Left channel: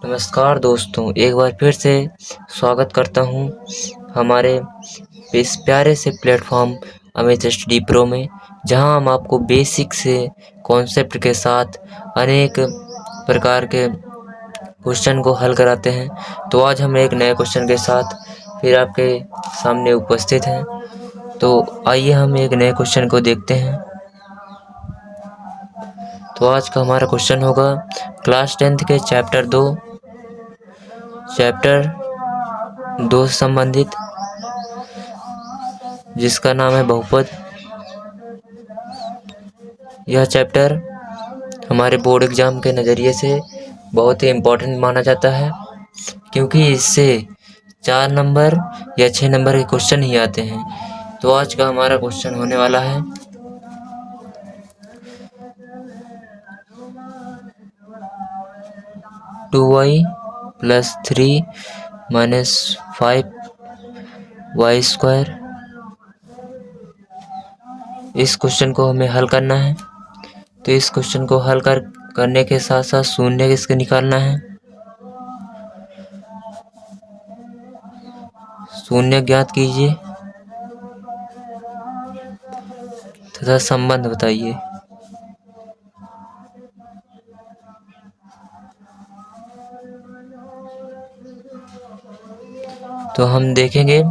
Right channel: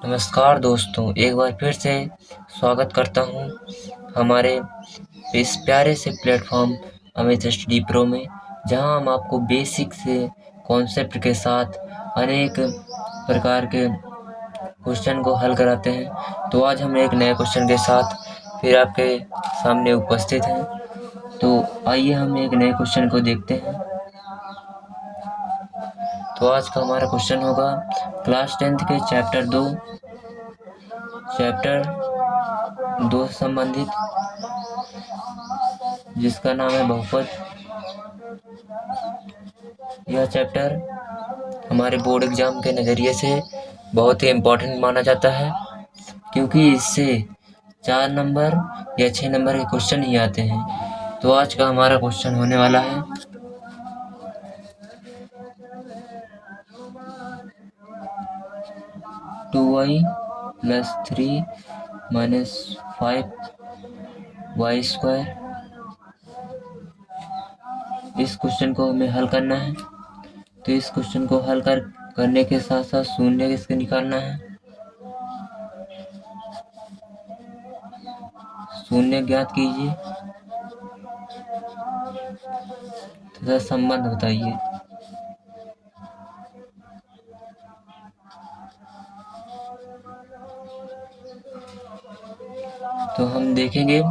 नमस्कार दोस्तों, एक बार फिर से स्वागत करता हूँ हमारे इस प्यारे से प्लेटफॉर्म अमित स्टडी प्रो में, जहाँ हम आपको बेसिक से कॉन्सेप्ट के साथ अनेक प्रकार के क्वेश्चन को हल कराते हैं। तो आज हम एक नए क्वेश्चन के साथ फिर आपके सामने उपस्थित हैं। तो आइए हम एक नए क्वेश्चन को देखते हैं। तो आज का हमारा क्वेश्चन होगा क्लास 10th के चैप्टर 2 से संबंधित, जिसका नाम है बहुपद। यह चैप्टर हमारे बोर्ड एग्जाम के नज़रिए से बहुत ही इम्पोर्टेंट माना जाता है, क्योंकि इससे 4 नंबर या 6 नंबर के क्वेश्चन ही आते हैं। तो आज का हमारा क्वेश्चन होने वाला है 2y + 3 - 5y स्क्वायर। इस क्वेश्चन को हमें हल करना है। तो इस क्वेश्चन को हल करने के साथ साथ शून्य किसके निकालना है, शून्य ज्ञात कीजिए तथा संबंध बताइए। तो हम देखेंगे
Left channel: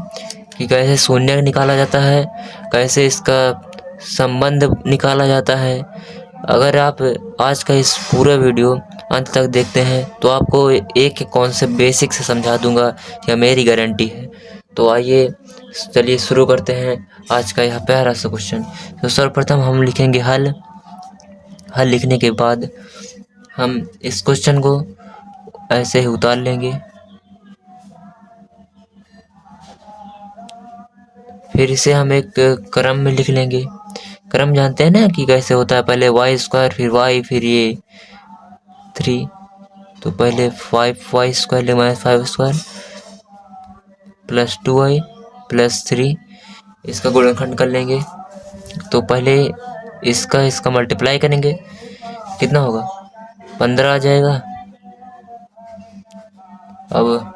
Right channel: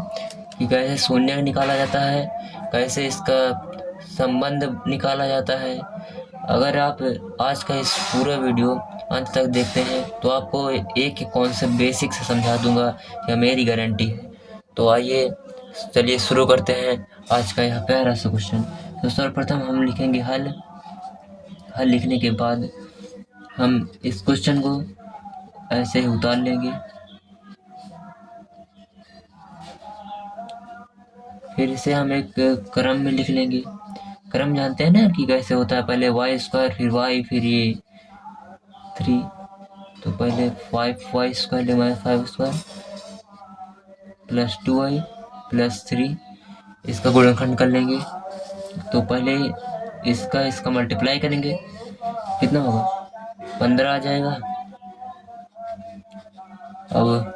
कि कैसे शून्य निकाला जाता है, कैसे इसका संबंध निकाला जाता है। अगर आप आज का इस पूरा वीडियो अंत तक देखते हैं तो आपको एक कॉन्सेप्ट बेसिक से समझा दूंगा, यह मेरी गारंटी है। तो आइए चलिए शुरू करते हैं आज का यह प्यारा सा क्वेश्चन। तो सर्वप्रथम हम लिखेंगे हल लिखने के बाद हम इस क्वेश्चन को ऐसे ही उतार लेंगे। फिर इसे हम एक क्रम में लिख लेंगे। क्रम जानते हैं ना कि कैसे होता है, पहले वाई स्क्वायर फिर वाई फिर ये 3। तो पहले 5y स्क्वायर -5 स्क्वायर +2y +3, इसका गुणनखंड कर लेंगे। तो पहले इसका मल्टीप्लाई करेंगे, कितना होगा 15 आ जाएगा। अब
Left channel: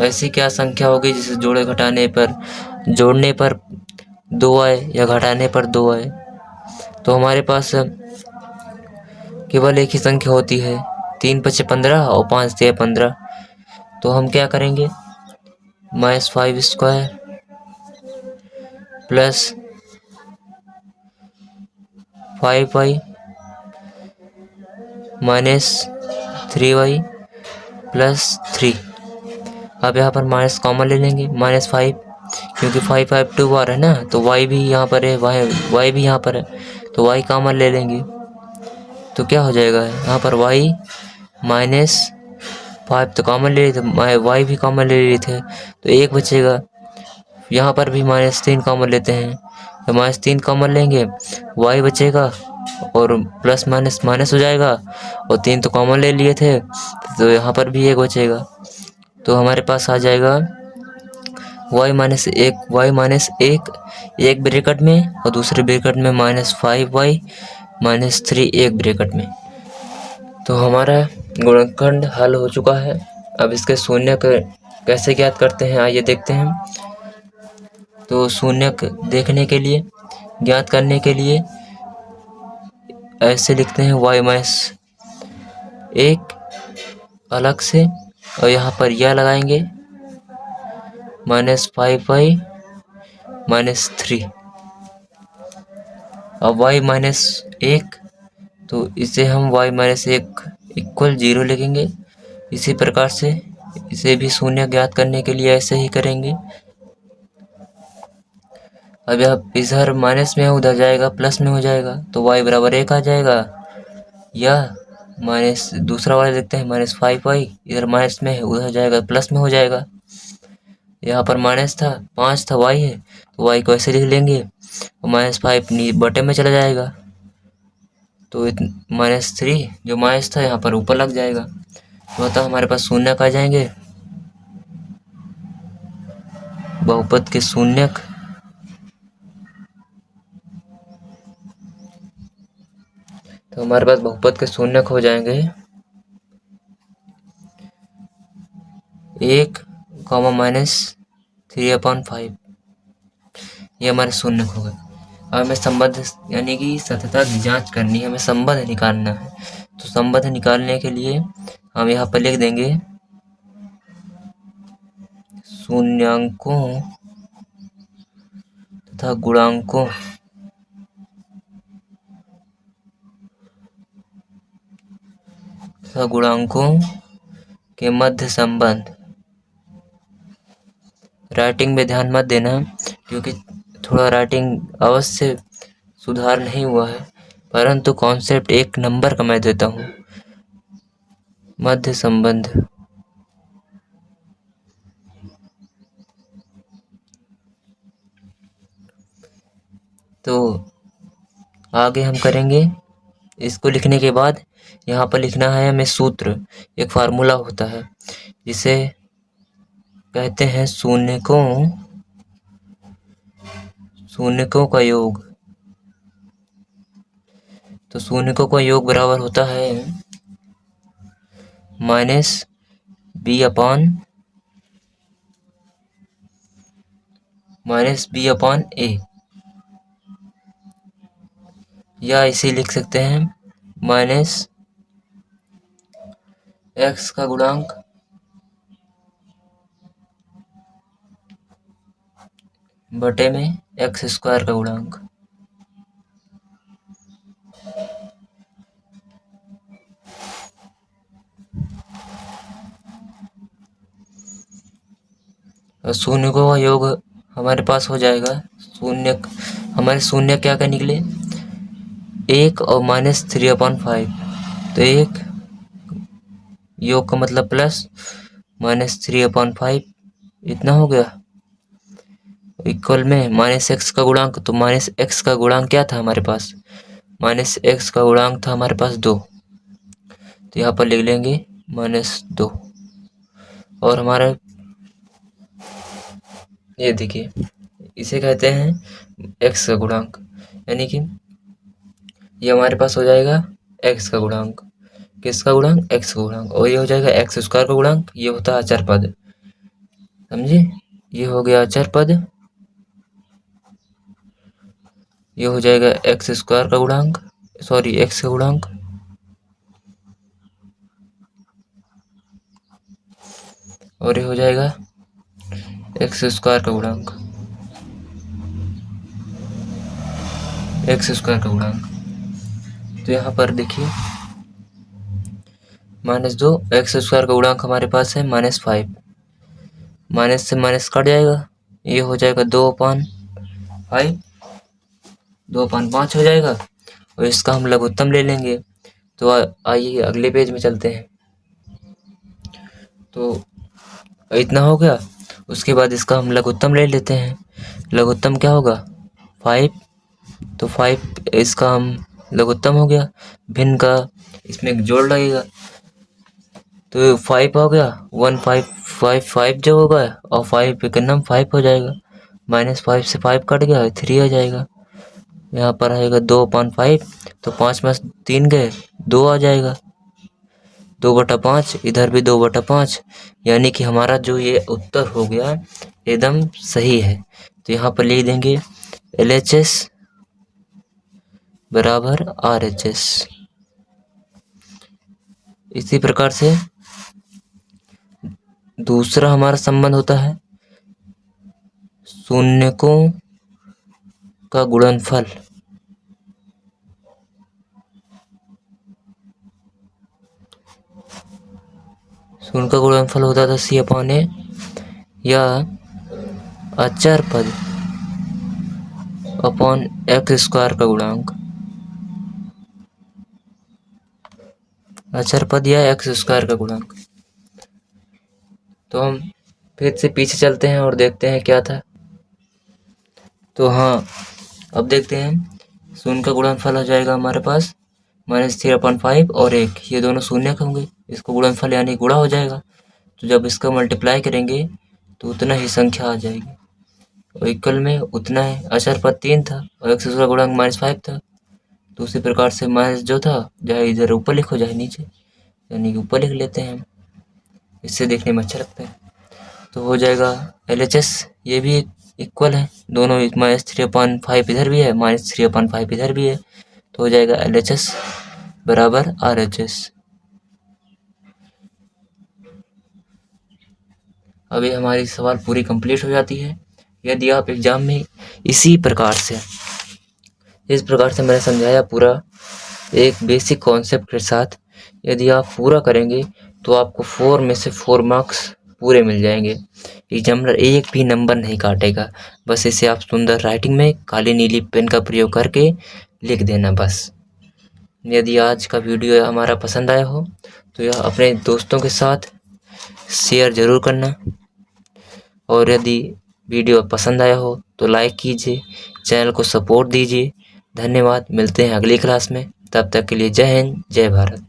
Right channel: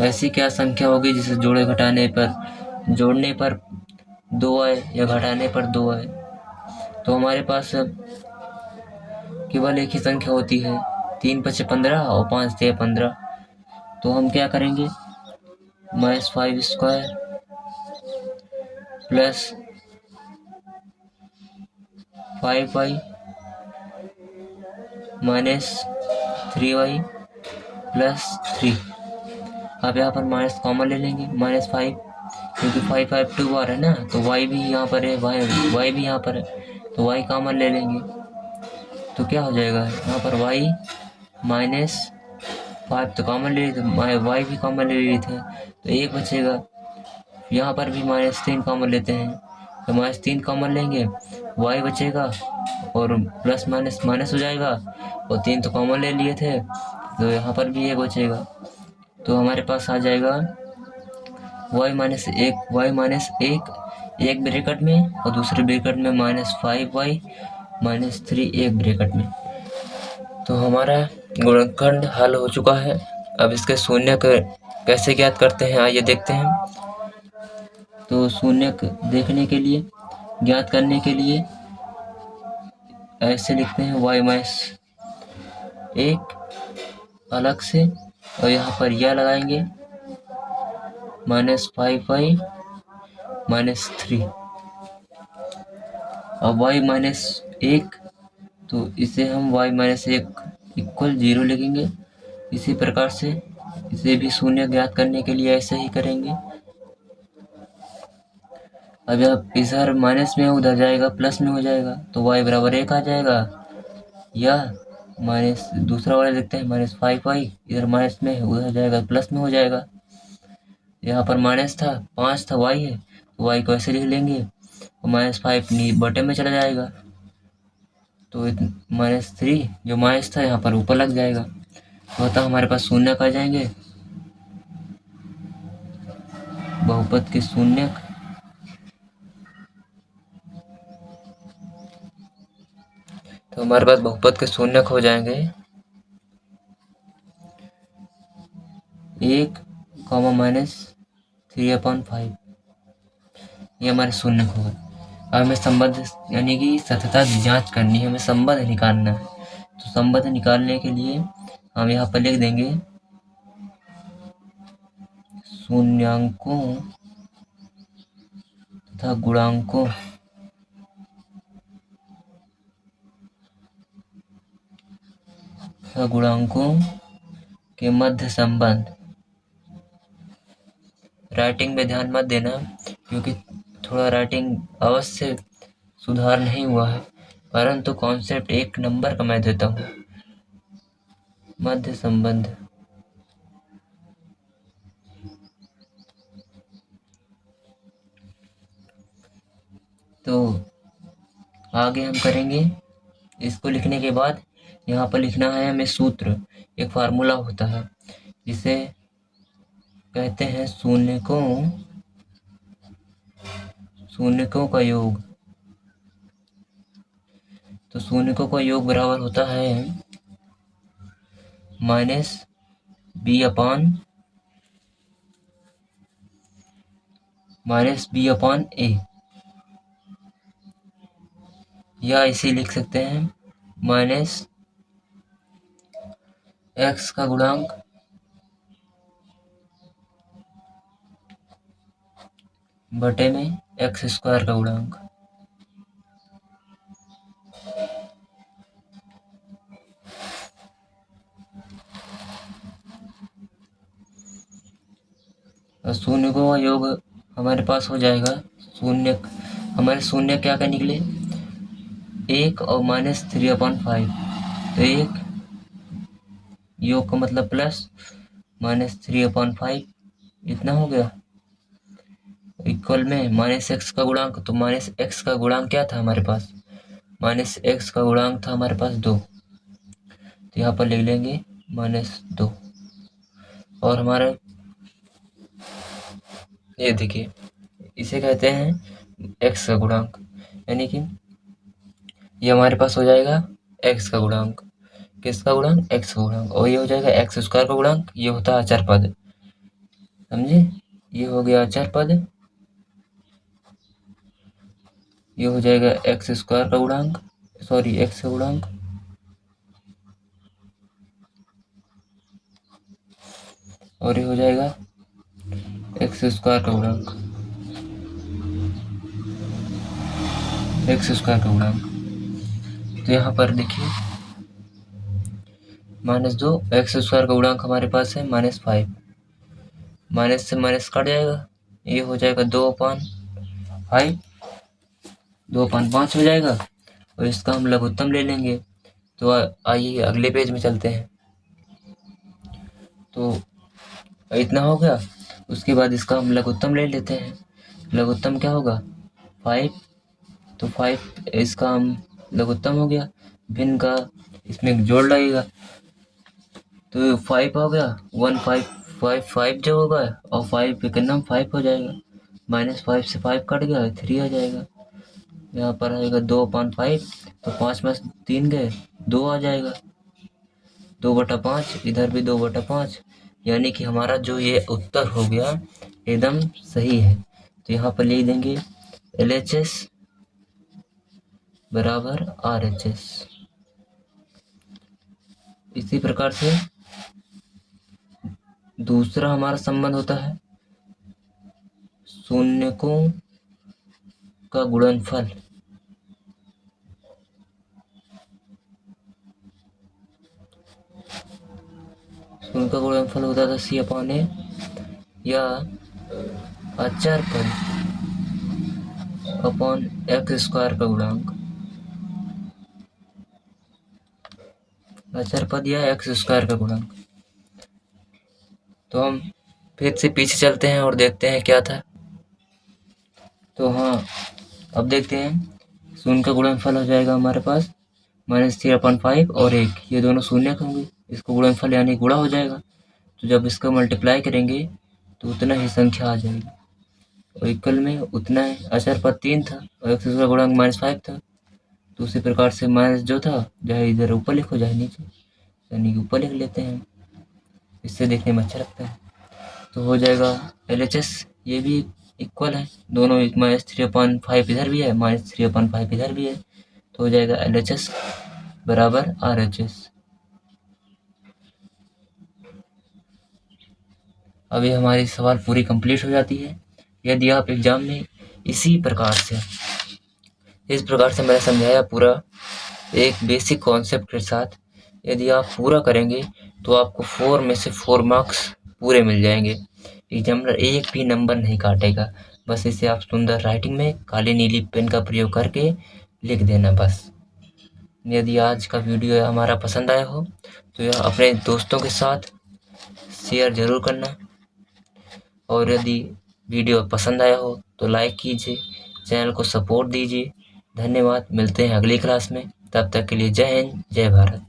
ऐसी क्या संख्या होगी जिसे जोड़ने पर 2 आए या घटाने पर 2 आए। तो हमारे पास केवल एक ही संख्या होती है, 3 × 5 = 15 और 5 × 3 = 15। तो हम क्या करेंगे, -5 स्क्वायर + 5y - 3y + 3। अब यहाँ पर माइनस कॉमन ले लेंगे, -5, क्योंकि 5 5 2 बार है ना, तो y भी यहाँ पर है, y भी यहाँ पर है, तो y कॉमन ले लेंगे। तो क्या हो जाएगा, यहाँ पर y -5 तो कॉमन ले लिए थे, y भी कॉमन ले लिए थे, तो 1 बचेगा। यहाँ पर भी -3 कॉमन लेते हैं, तो -3 कॉमन लेंगे, y बचेगा और प्लस माइनस माइनस हो जाएगा, और 3 तो कॉमन ले लिए थे, तो यहाँ पर भी 1 बचेगा। तो हमारे पास आ जाएगा y-1 एक ब्रैकेट में और दूसरे ब्रैकेट में -5y - 3 एक ब्रैकेट में। तो हमारा गुणनखंड हल हो चुका है। अब इसके शून्य कैसे ज्ञात करते हैं, आइए देखते हैं। तो शून्य देखने के लिए, ज्ञात करने के लिए ऐसे लिखते हैं y-1 अलग से, और यहाँ पर यह लगाएंगे -5y - 3। अब y-1, तो इसे हम y-1 इक्वल 0 लिखेंगे। इसी प्रकार से इसे भी शून्य ज्ञात करने के लिए ऐसे ही करेंगे। अब आप इधर माइनस में उधर जाएगा प्लस में हो जाएगा, तो y = 1 आ जाएगा। या माइनस दूसरा वाला देखते हैं, -5y इधर माइनस में है, उधर जाएगा प्लस में हो जाएगा। यहाँ पर माइनस था, 5 था, y है, तो y को ऐसे लिख लेंगे, -5 बटे में चला जाएगा, तो -3 जो माइनस था यहाँ पर ऊपर लग जाएगा। तो अतः हमारे पास शून्यक आ जाएंगे, बहुपद के शून्यक। तो हमारे पास बहुपद के शून्यक हो जाएंगे 1 कॉमा माइनस 3/5, ये हमारे शून्य हो गए। अब हमें संबंध यानी कि सततता की जांच करनी है, हमें संबंध निकालना है। तो संबंध निकालने के लिए हम यहाँ पर लिख देंगे शून्यांकों तथा गुणांकों के मध्य संबंध। राइटिंग में ध्यान मत देना क्योंकि थोड़ा राइटिंग अवश्य सुधार नहीं हुआ है, परंतु कॉन्सेप्ट एक नंबर का मैं देता हूँ। मध्य संबंध, तो आगे हम करेंगे। इसको लिखने के बाद यहाँ पर लिखना है हमें सूत्र, एक फार्मूला होता है जिसे कहते हैं शून्यकों का योग। तो शून्यकों का योग बराबर होता है -b/a, या इसे लिख सकते हैं -x का गुणांक बटे में x² का गुणांक। शून्यकों का योग हमारे पास हो जाएगा, हमारे शून्य क्या क्या निकले, 1 और -3/5। तो 1 योग का मतलब प्लस, -3/5 इतना हो गया, इक्वल में -x का गुणांक। तो -x का गुणांक क्या था हमारे पास, -x का गुणांक था हमारे पास 2। तो यहाँ पर लिख लेंगे -2। और हमारा ये देखिए, इसे कहते हैं x का गुणांक, यानी कि ये हमारे पास हो जाएगा x का गुणांक। किसका गुणांक, x का गुणांक। और ये हो जाएगा x² का गुणांक, ये होता है अचर पद, समझे। ये हो गया अचर पद, ये हो जाएगा x² का गुणांक, सॉरी x का गुणांक। और ये हो जाएगा x² का गुणांक, x² का गुणांक। तो यहाँ पर देखिए -2, x² का गुणांक हमारे पास है -5, माइनस से माइनस कट जाएगा, ये हो जाएगा 2/5, 2/5 हो जाएगा। और इसका हम लघुत्तम ले लेंगे। तो आइए अगले पेज में चलते हैं। तो इतना हो गया, उसके बाद इसका हम लघुत्तम ले लेते हैं। लघुत्तम क्या होगा, 5। तो 5 इसका हम लघुत्तम हो गया, भिन्न का इसमें एक जोड़ लगेगा। तो 5 हो गया, 1/5 जो होगा, और 5 के नाम 5 हो जाएगा। -5 से 5 कट गया, 3 आ जाएगा। यहाँ पर आएगा 2/5, तो 5 में 3 गए, 2 आ जाएगा। 2/5, इधर भी 2/5, यानी कि हमारा जो ये उत्तर हो गया एकदम सही है। तो यहाँ पर लिख देंगे LHS बराबर RHS। इसी प्रकार से दूसरा हमारा संबंध होता है शून्यकों का गुणनफल। शून्य का गुणनफल होता था C/A, या अचर पद अपॉन x² का गुणांक। अचर पद या x² का गुणांक। तो हम फिर से पीछे चलते हैं और देखते हैं क्या था। तो हाँ, अब देखते हैं शून्य का गुणनफल हो जाएगा हमारे पास -3/5 और 1, ये दोनों शून्य के होंगे, इसको गुणनफल यानी गुणा हो जाएगा। तो जब इसका मल्टीप्लाई करेंगे तो उतना ही संख्या आ जाएगी, और इक्वल में उतना है। अचर पद 3 था और x का गुणांक -5 था। तो उसी प्रकार से माइनस जो था, चाहे इधर ऊपर लिखो चाहे नीचे, यानी कि ऊपर लिख लेते हैं हम, इससे देखने में अच्छा लगता है। तो हो जाएगा LHS, ये भी इक्वल है, दोनों -3/5 इधर भी है, -3/5 इधर भी है, तो हो जाएगा LHS बराबर RHS। अभी हमारी सवाल पूरी कंप्लीट हो जाती है। यदि आप एग्जाम में इसी प्रकार से, इस प्रकार से मैंने समझाया पूरा एक बेसिक कॉन्सेप्ट के साथ, यदि आप पूरा करेंगे तो आपको 4 में से 4 मार्क्स पूरे मिल जाएंगे। एग्जामिनर एक भी नंबर नहीं काटेगा। बस इसे आप सुंदर राइटिंग में काली नीली पेन का प्रयोग करके लिख देना बस। यदि आज का वीडियो हमारा पसंद आया हो तो यह अपने दोस्तों के साथ शेयर ज़रूर करना, और यदि वीडियो पसंद आया हो तो लाइक कीजिए, चैनल को सपोर्ट दीजिए। धन्यवाद, मिलते हैं अगली क्लास में, तब तक के लिए जय हिंद, जय भारत।